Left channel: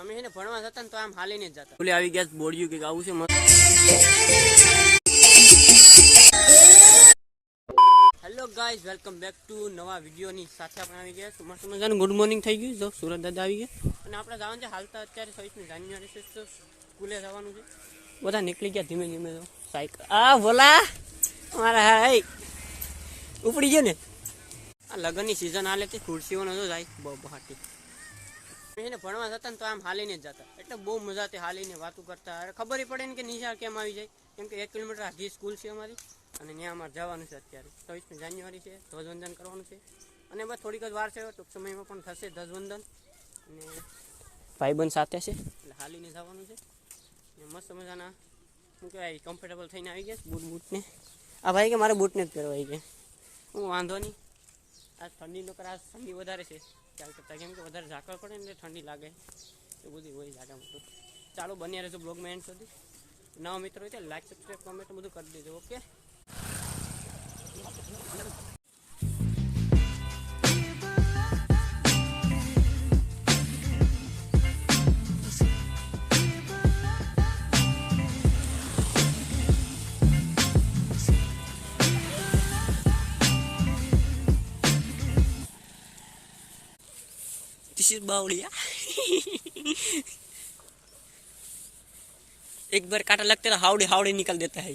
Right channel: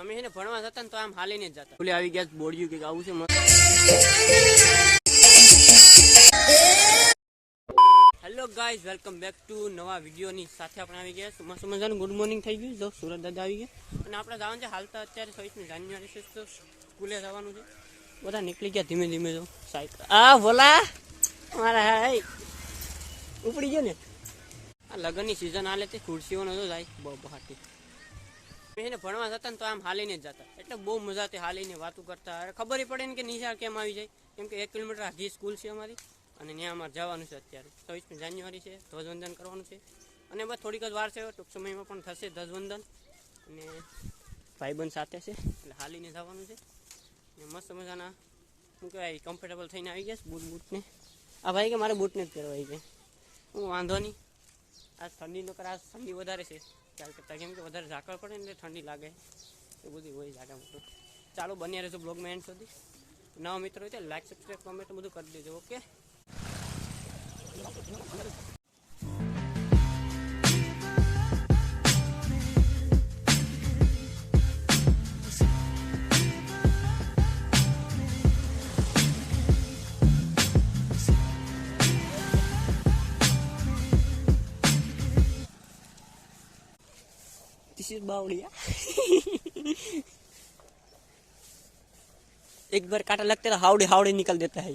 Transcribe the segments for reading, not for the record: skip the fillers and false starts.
અમે એને ભણવા જતા ને તો આમ હાલીને જ જતા. ઓલી આવી ગયા બોડિયું કે આવું છે મસ્ત. Hello guys, welcome back to નવા વિડીયોની સાથે આપણે આવી ગયા મસ્ત મજાનું ગુડ મોર્નિંગ થઈ ગયું. જો સુરત દાદા આવી ગયા અને આપણે જવાનું છે હાલતા અત્યારે 26મી જાન્યુઆરી છે તો સ્કૂલે જવાનું છે. બધા નીકળી ગયા ધીમે ધીમે. જો સાયકલ આ બોલા મારા હાય ઉપડી ગયો ને. આ લગ્નની સિઝન હાલે છે, ખુરશીઓનો જો જાય બહાટી. એને ભણવા જતા ને તો આમ હાલીને જ જતા, એટલે બહુ મજાથી હાલીને વાતું કરતા. ખબર પડે ને કે નિશાળ કેમ આવી જાય, કેમ કે 1 કિલોમીટર આખી સ્કૂલ છે અમારી અને ત્યાં અમારે જવાનું છે. અત્યારે 26મી જાન્યુઆરી છે, ધ્વજવંદન કરવાનું છે અને બસ થોડીક જ વાર છે, ટૂંક સમયમાં પણ થશે ધ્વજવંદન. અને ભાઈબંધ સાથે છે એટલે હાલીને જવાનું છે. મસ્ત મજાના શું કહેવાય કમ્ફર્ટેબલ થઈને આવી ગયા બૂટને. આ ભાઈ કે મારે બૂટને જ પહેરવાય છે. હું વાંધો નહીં. આ ઠંડીનો કર, આ ઠંડી વધારે છે ખ્યાલ કરતા, કેમ કે વધારે ઝાકળ પડે ને એટલે ઠંડી લાગે, એ બધી હોય જાગા મોટું. ચાલો બન્યા રહેજો બ્લોગમાં એન્ડ સુધી. નવા મિત્રો હોય તો લાઈક સબસ્ક્રાઈબ કમેન્ટ બધું કરી દેજો. ઓકે, बावड़िया एक बार काटा लगता है हावड़े हावड़े निकल देता है.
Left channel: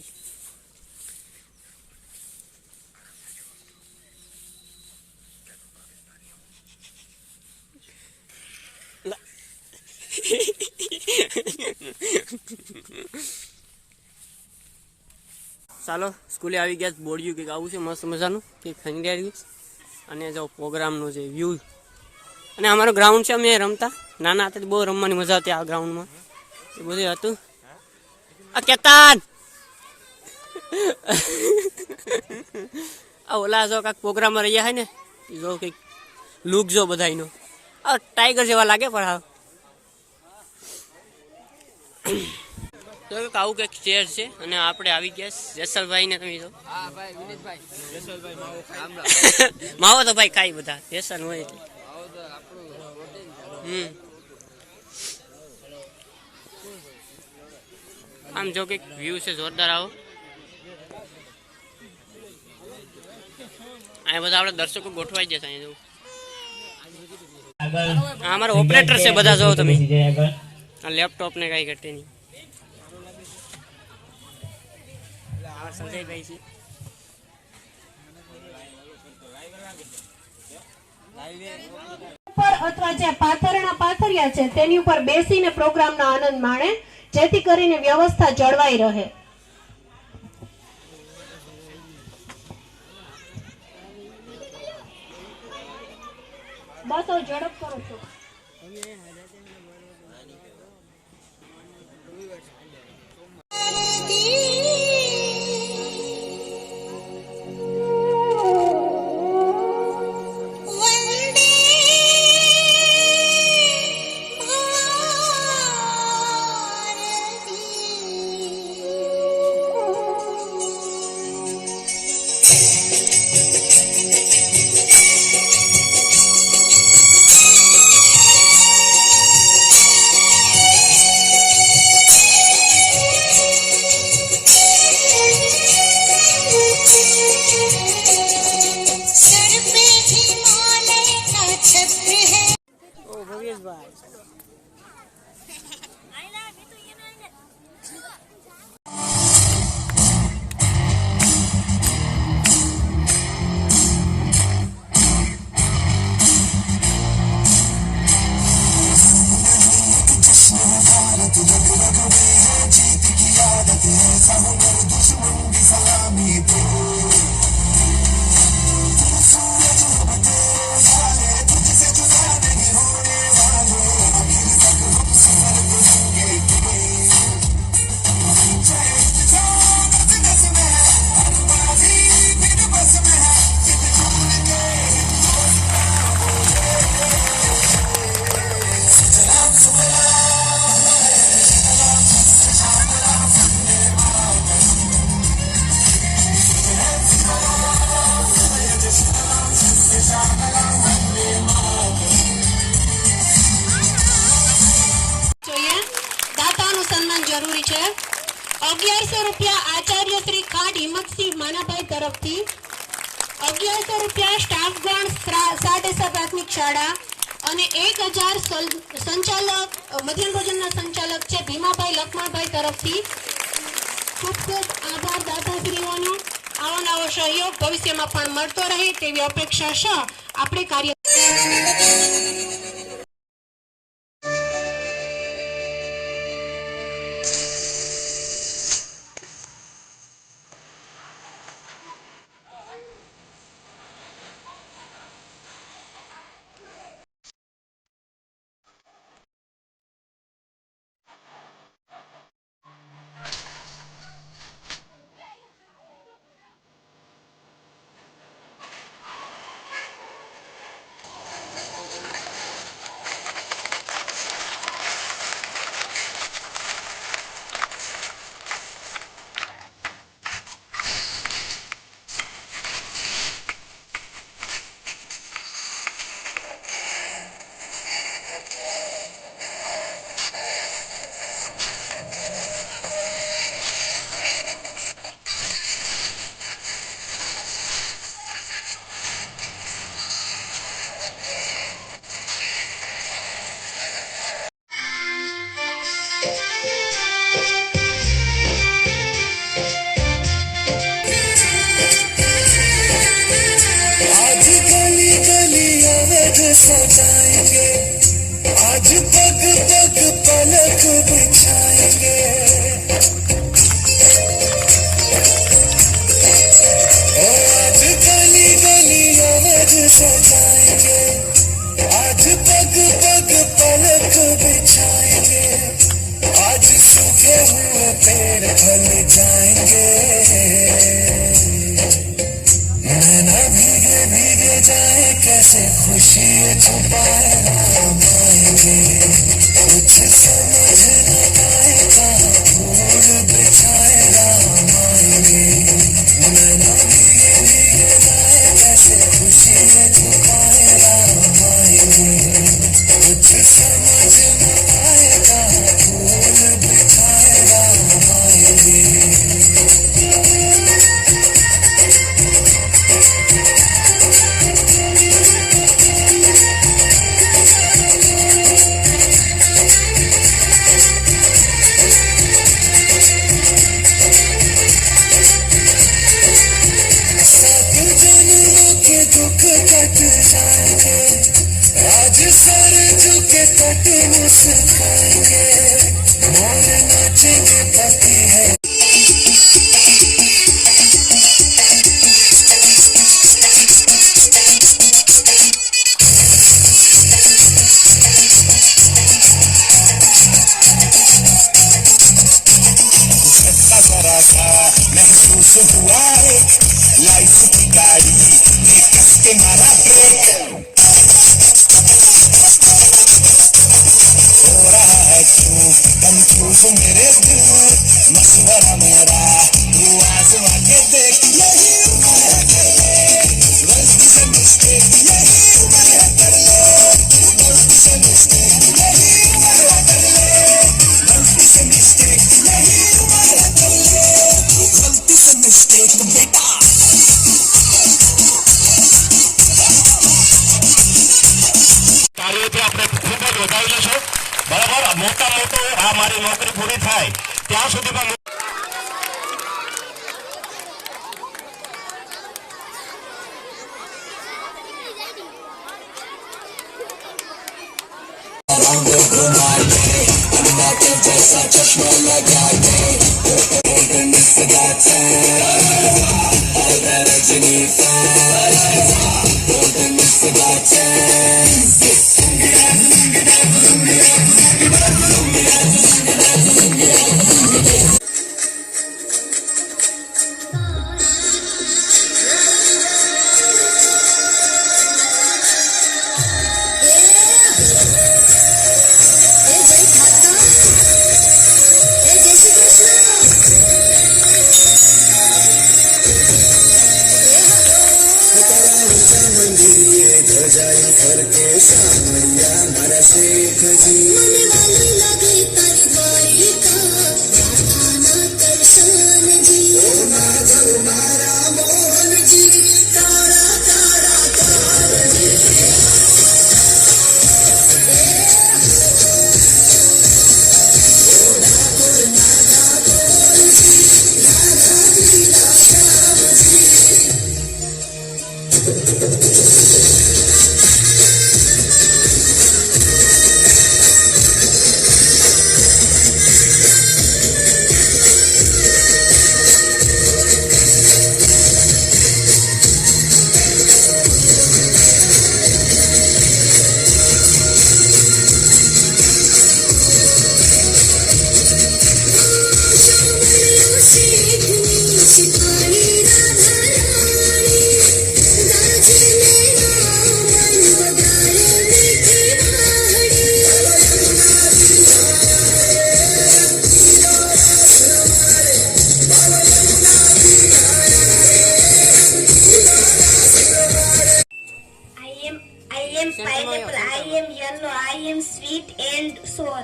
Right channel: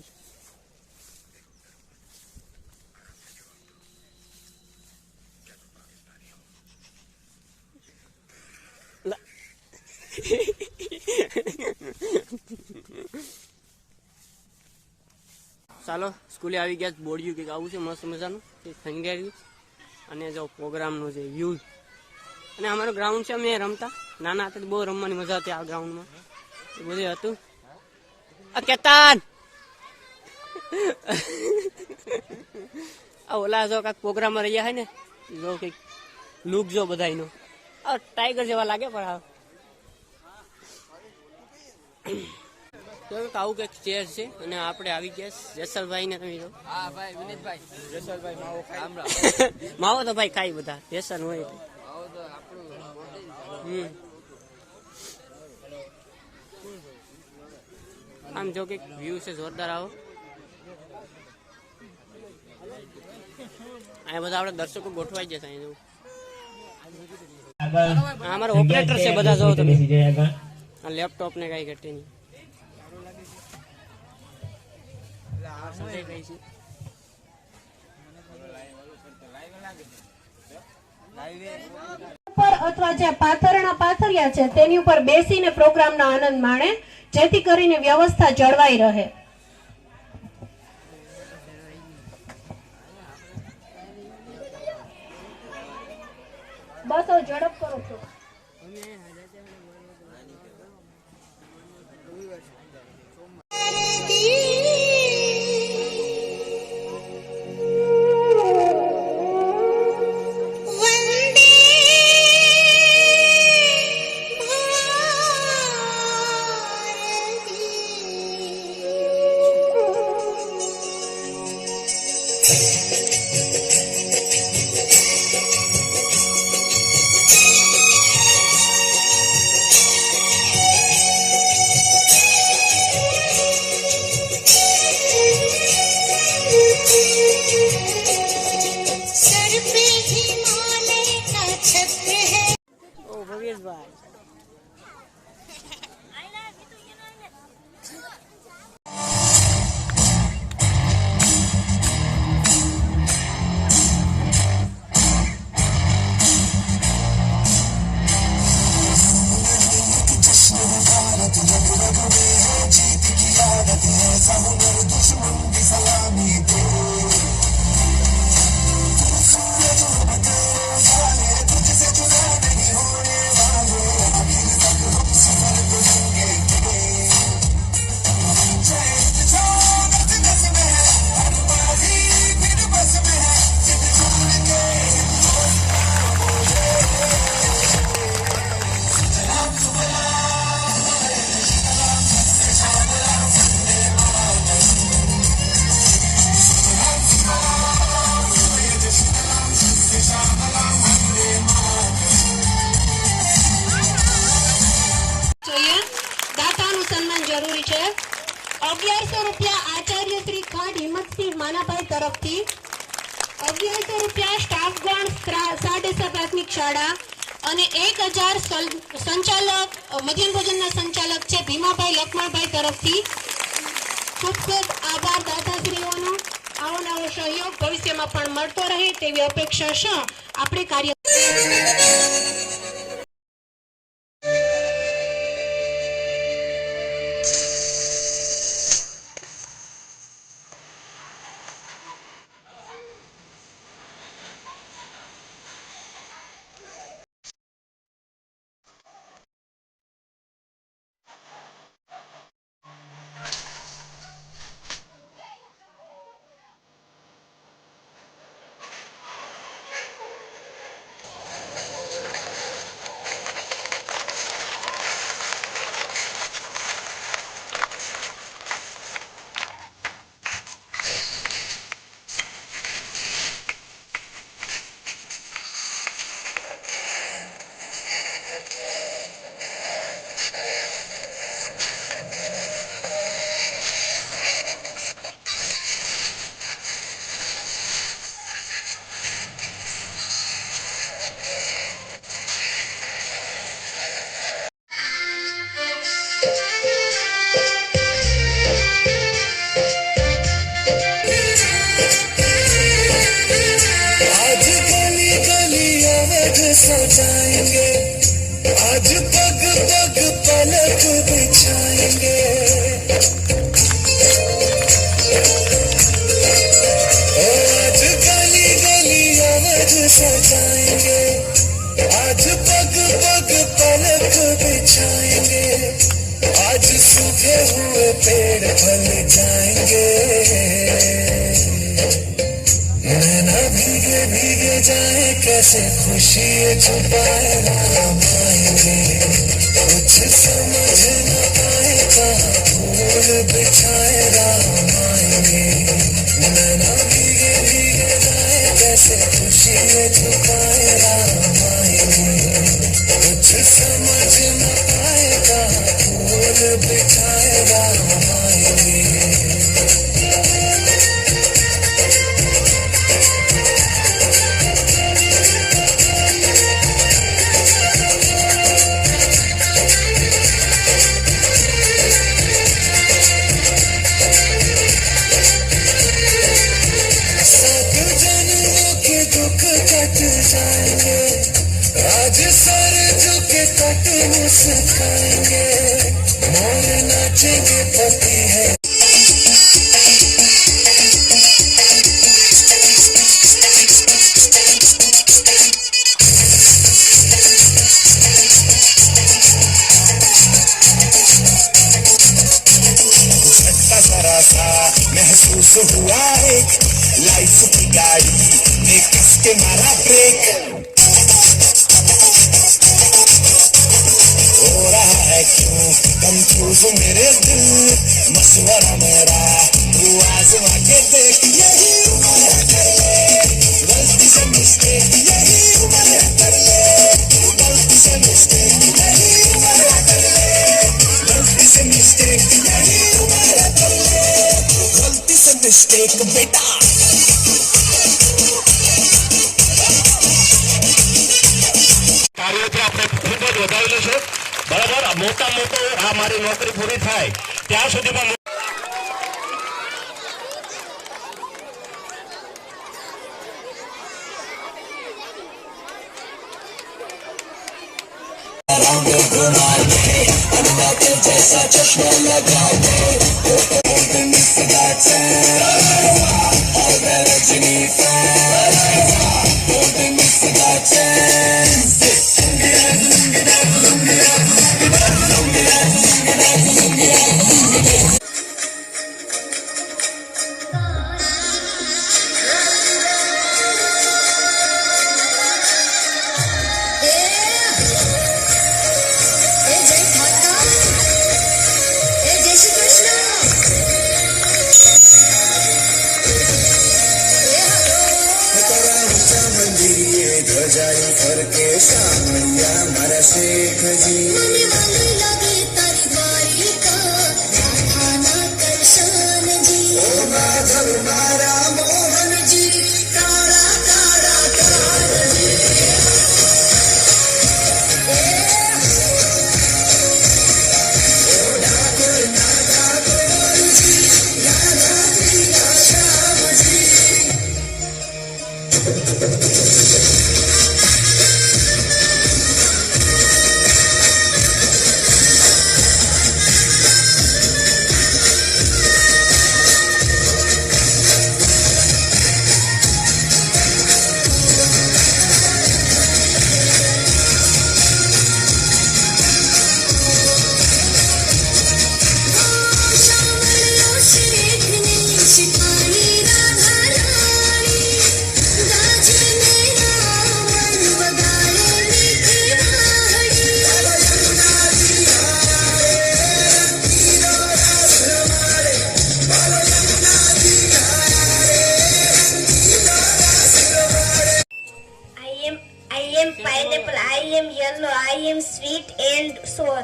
ચાલો સ્કૂલે આવી ગયા. બોડિયું કે આવું છે મસ્ત મજાનું કે ખંગારી અને જો પ્રોગ્રામનો જે વ્યૂ. અને અમારો ગ્રાઉન્ડ છે, અમે રમતા નાના હતા બહુ રમવાની મજા હતી આ ગ્રાઉન્ડમાં. એ બધું હતું. આ કેતાન આ ઓલા જો કાંઈક પ્રોગ્રામમાં રહ્યા હોય ને, જો કંઈક લુક જો બધાનો આ ટાઈગર જેવા લાગે. પણ હા તો આવું કંઈક ચેર છે અને આપણે આવી ગયા જેસલભાઈ ને. તમે જો માવો તો ભાઈ ખાઈ બધા જેસલ હોય એટલે. આમ જો કે વ્યૂ છે જોરદાર. આવો અહીંયા બધા આપણે દર્શકો ગોઠવાઈ જશે. અહીંયા જવું અમારા ઓપરેટર છે બધા. જો તમે આ લેપટોપ ને કઈ ઘટે નહીં. સંજયભાઈ છે અથવા જે પાથરણા પાથર્યા છે તેની ઉપર બેસીને પ્રોગ્રામનો આનંદ માણે, જેથી કરીને વ્યવસ્થા જળવાઈ રહે. બસ ઝડપ કરો છો. રૂપિયા આચાર્ય શ્રી ખાટ હિંમતસિંહ માનાભાઈ તરફથી, 1100 રૂપિયા સ્ટાફગણ સાડેસા પ્રાથમિક શાળા અને 1000 સંચાલક મધ્યાહન ભોજનના સંચાલક છે ભીમાભાઈ લક્ષ્મણભાઈ તરફથી. ખૂબ ખૂબ આભાર દાતાશ્રીઓનો. આવો નવો સહયોગ ભવિષ્યમાં પણ મળતો રહે તેવી અપેક્ષા છે. આપણે કાર્ય आज गली गली अवध सजाएंगे, आज पग पग पलक बिछाएंगे। ओ आज गली गली अवध सजाएंगे, आज पग पग पलक बिछाएंगे। आज सुबह हुए पेड़ फल जाएंगे, नैना भीगे भीगे जाए कैसे खुशी छुपाए राम आएंगे। कुछ समझ न आए कहाँ फूल बिछाए राम आएंगे। नैना भीगे भीगे जाए कैसे खुशी छुपाए राम आएंगे। कुछ समझ न आए कहाँ फूल बिछाए राम आएंगे। दुख कट जाएंगे, आज सर झुक कट मुस्काएंगे। मोर नाचेंगे पति है जरा सा महसूस हुआ है, लाइफ की गाड़ी में कस के मारा ब्रेक। हो रहा है क्यों कंफ्यूज मेरे दिल, मशवरा मेरा तू आजमा के देख। यही उम्र कर ले गलती से मिस्टेक, यही उम्र कर ले गलती से मिस्टेक, यही उम्र कर ले गलती से मिस्टेक, यही उम्र कर ले गलती से मिस्टेक बेटा। કાર્યોથી આપણે ખૂબ જ વધારેલું છે, બરાબર. મોટા મોટો આ મારી નોકરી પૂરી થાય ત્યાં સુધીમાં जैसा चश्मा लगा के रजनी જય શ્રી કૃષ્ણ. 16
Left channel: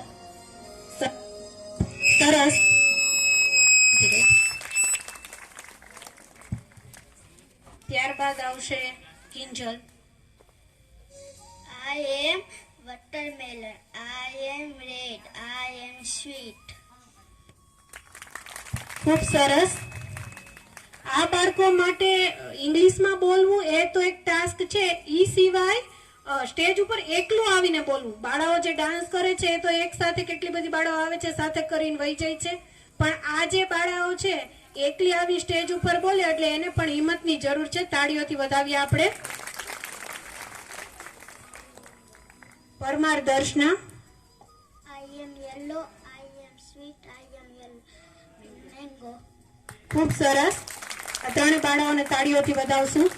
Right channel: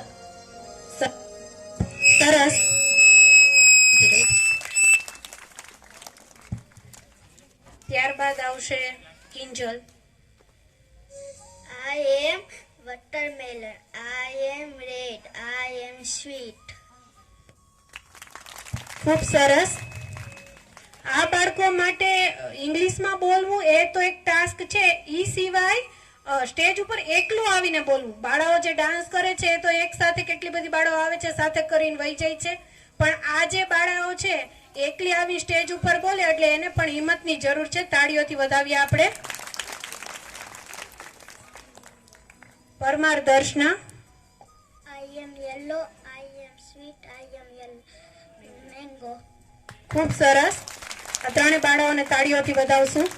સરસ. ત્યારબાદ આવશે Kinjal. I am watermelon. I am red. I am sweet. ખૂબ સરસ. આ બાળકો માટે ઇંગ્લિશમાં બોલવું એ તો એક ટાસ્ક છે. ઈ સિવાય સ્ટેજ ઉપર એકલું આવીને બોલવું. બાળાઓ જે ડાન્સ કરે છે એ તો એક સાથે કેટલી બધી બાળાઓ આવે છે, સાથે કરીને વહી જાય છે. પણ આ જે બાળાઓ છે એકલી આવી સ્ટેજ ઉપર બોલે એટલે એને પણ હિંમતની જરૂર છે. તાળીઓથી વધાવીએ આપણે. પરમાર Darshana. I am yellow. I am sweet. I am yellow. Mango. ખૂબ સરસ. આ ત્રણે બાળાઓને તાળીઓથી વધાવશું.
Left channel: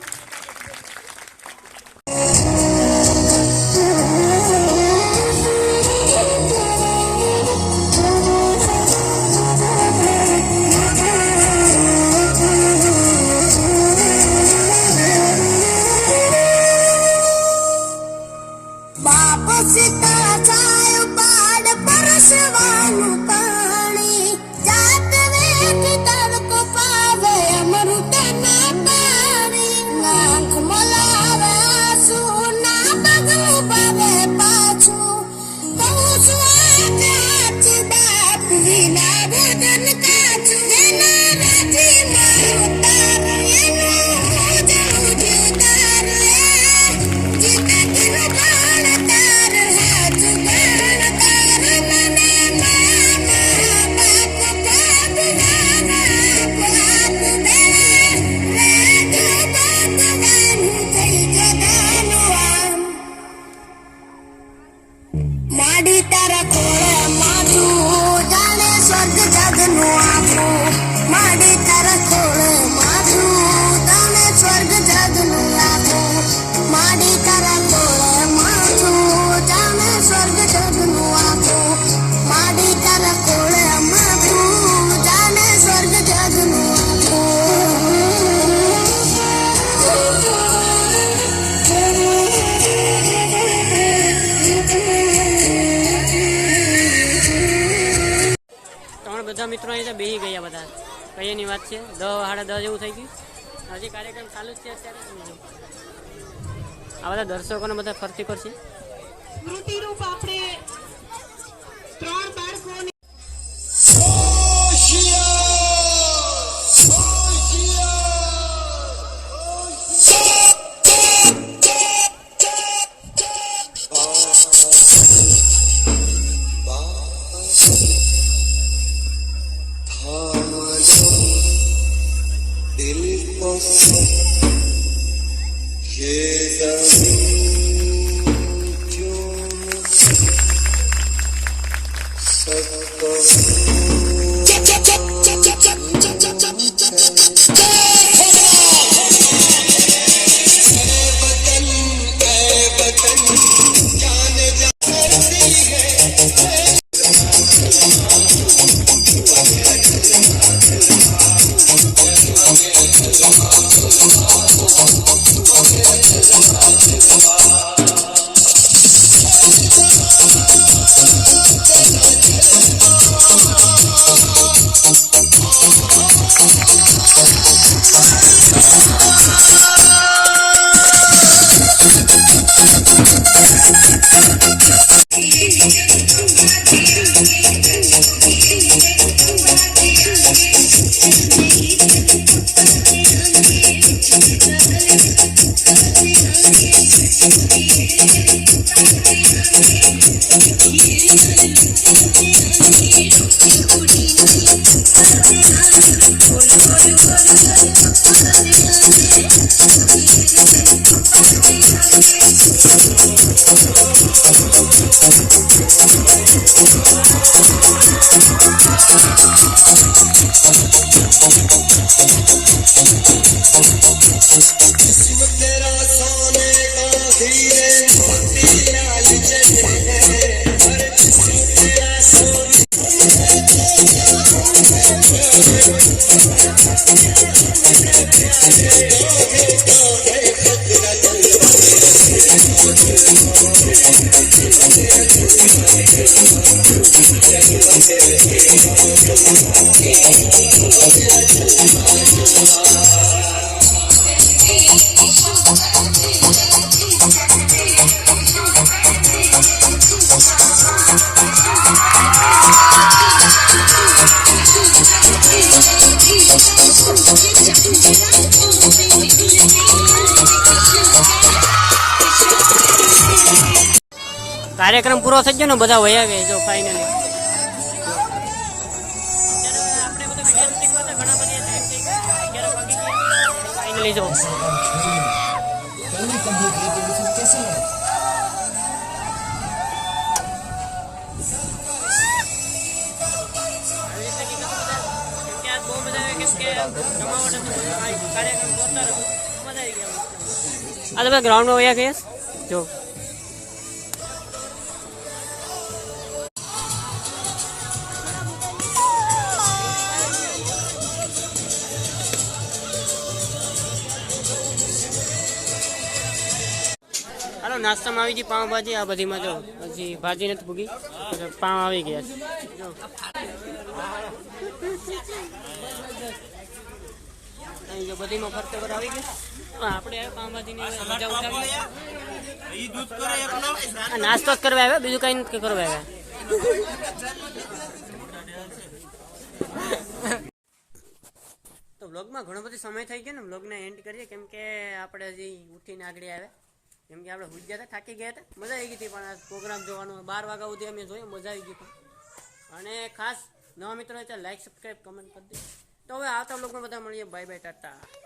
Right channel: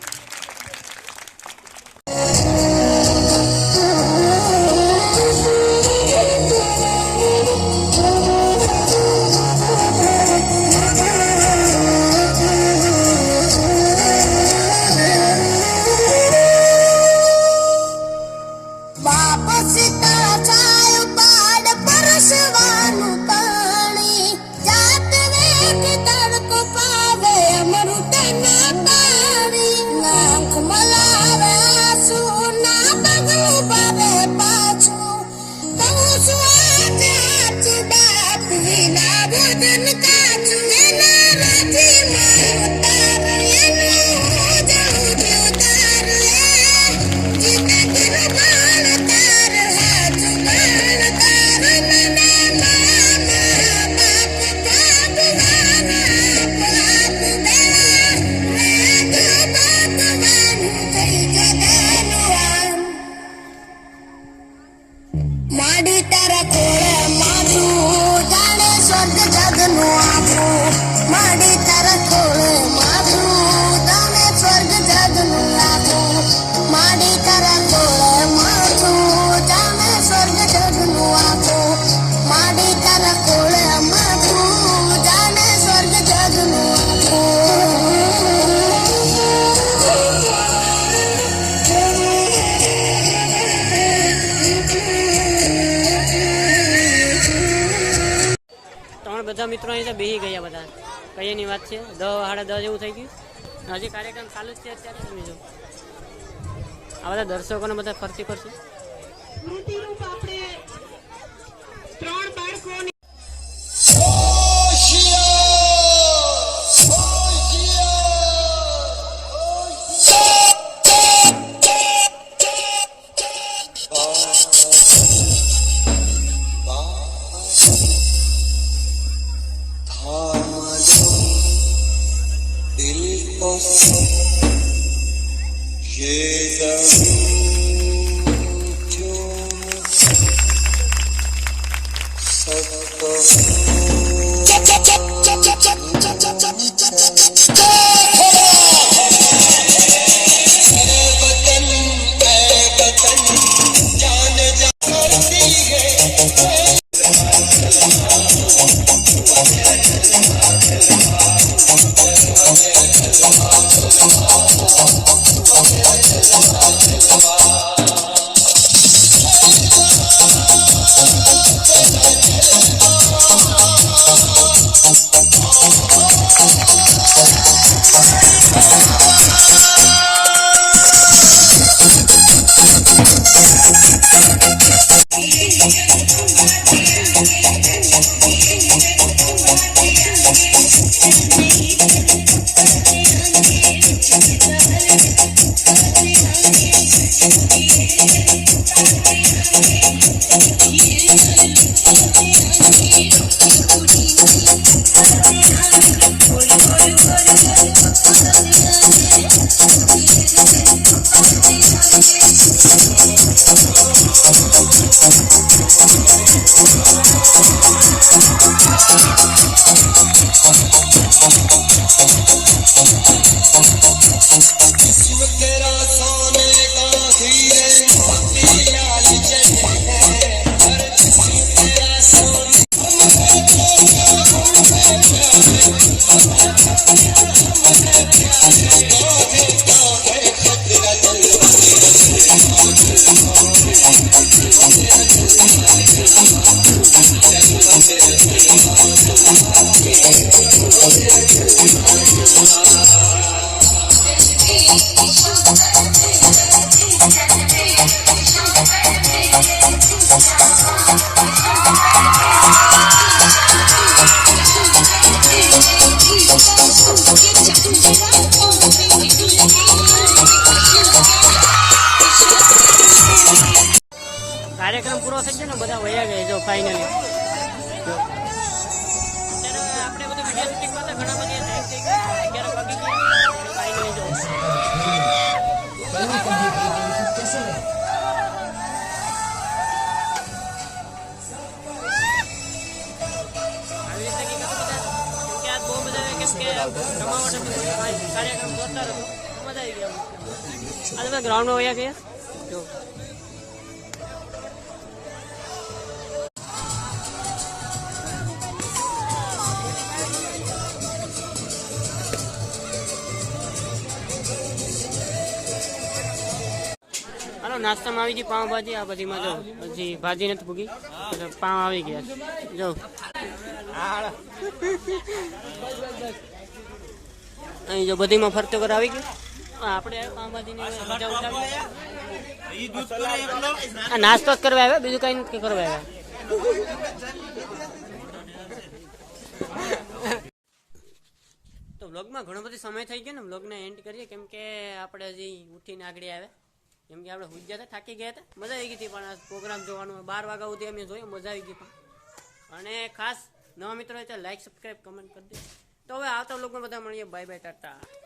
માડી તારા ખોળે માથું જાણે સ્વર્ગ જગનું આખું. માડી તારા ખોળે માથું જાણે સ્વર્ગ જગનું આખું. માડી તારા ખોળે માથું જાણે સ્વર્ગ જગનું આખું. માડી તારા ખોળે માથું જાણે સ્વર્ગ જગનું બધા મિત્રો અહીં બેસી ગયા બધા. કઈની વાત છે, 10:30 જેવું થઈ ગયું. હજી કાર્યક્રમ ચાલુ જ છે અત્યારે. આ બધા દર્શકોને બધા ફરતી કરશે. સ્મૃતિરૂપ આપણે 3 બાળકોને કાર્યક્રમ પૂરો થઈ ગયો ને બધા વયા ગયા જો ફાઇનલી જો અત્યારે આપણે બધું વિડીયો શૂટિંગમાં તો ઘણા બધા ટાઈમ થઈ ગયો 11 વાગી ગયા ફાઇનલી જો આવી રીતે કીધું બધા કેમ કે આજ બહુ બધા કેમ કે રમાવટ હતું બધું કાર્યક્રમ જોરદાર હતો મજા આવી ગયા આ બધા ગ્રાઉન્ડમાં વયા ગયા જો હાલો નાસ્તામાં આવી ગઈ પાઉંભાજી આ બધીમાં જો પછી ભાજી નથી પૂગી એટલે પાઉં આવી ગયા છે જો અહીં જો બધીમાં ફરતો કર આવી ગયો આપણે આવ્યો પાઉંભાજીની મજા ઉઠાવી આ નાસ્તો જ કરવા આવ્યો બીજું કઈ નથી કરવા આવ્યા તો વ્લોગમાં ઘણો બધો સમય થઈ ગયો ને વ્લોગને એન્ડ કરીએ કેમ કે આપણે હજી ઉઠીને આગળ આવ્યા કેમ કે આપણે હુઈ ગયા હતા થાકી ગયા હતા મજા આવી ગઈ હતી પણ આ પ્રોગ્રામ જોવાનું 12 વાગ્યા સુધી અમે જોયો મજા આવી ગઈ પણ અને ખાસ નવા મિત્રો હોય તો લાઈક સબસ્ક્રાઈબ કમેન્ટ કરી દે તો હવે આવતા વ્લોગમાં બધા મળીએ બાય બાય ટાટા